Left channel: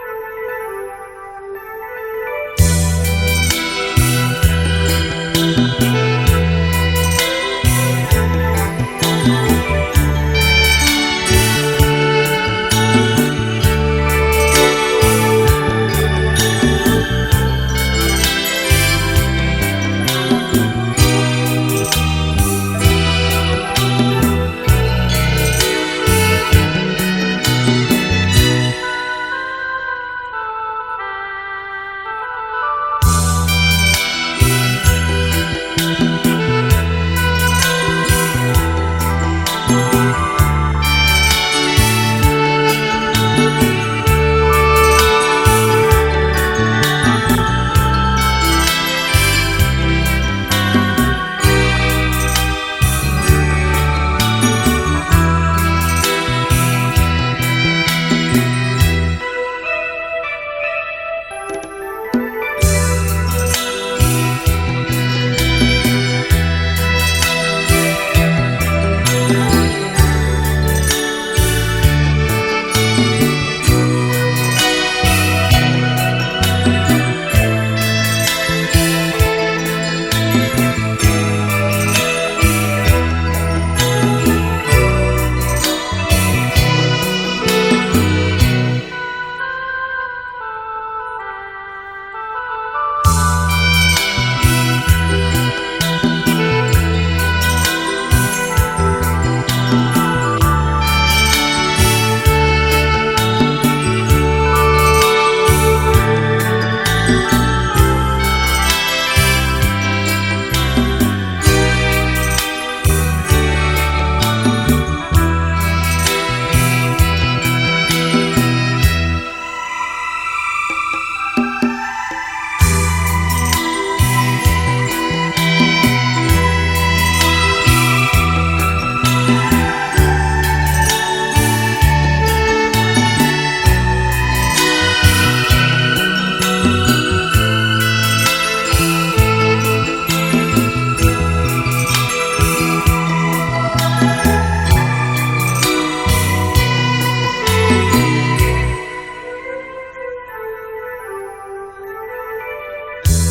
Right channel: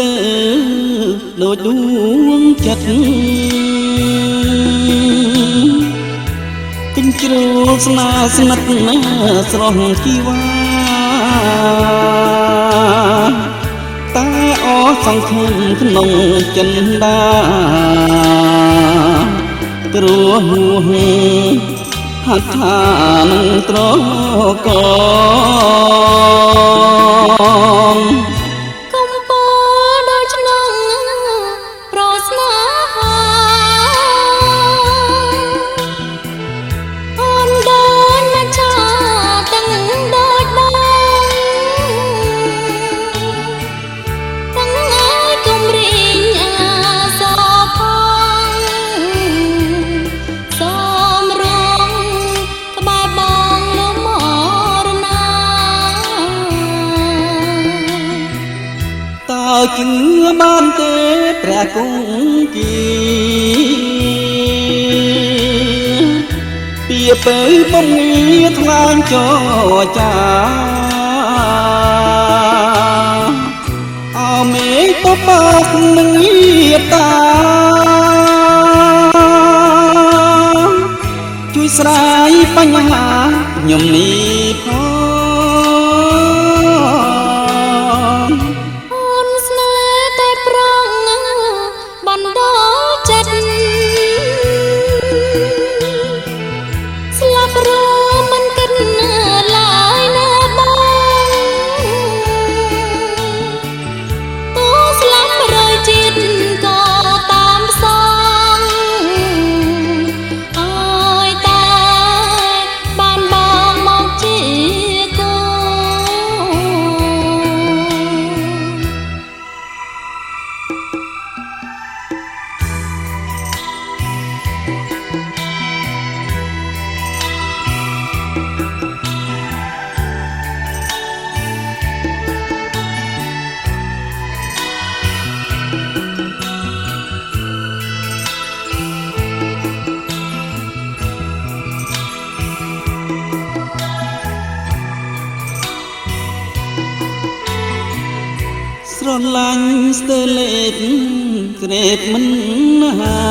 ទៅដូចដួងចិត្តទិញជ្រុលស្នាស្និទ្ធណាស្រស់ជីវ៉ាតែអស់សង្ឃឹមក្នុងចិន្តាគ្រោះហួហហាត់ថានឹងត្រកជឿបានទេព្រះគង្គាពីទៅពញាថ្វាងចរចាអមេតបនឹងមេត្តាជួយស្រាយបញ្ហាខ្ញុំនេះស្រឡាញ់ស្ទើរលេខក្រេតមិនណា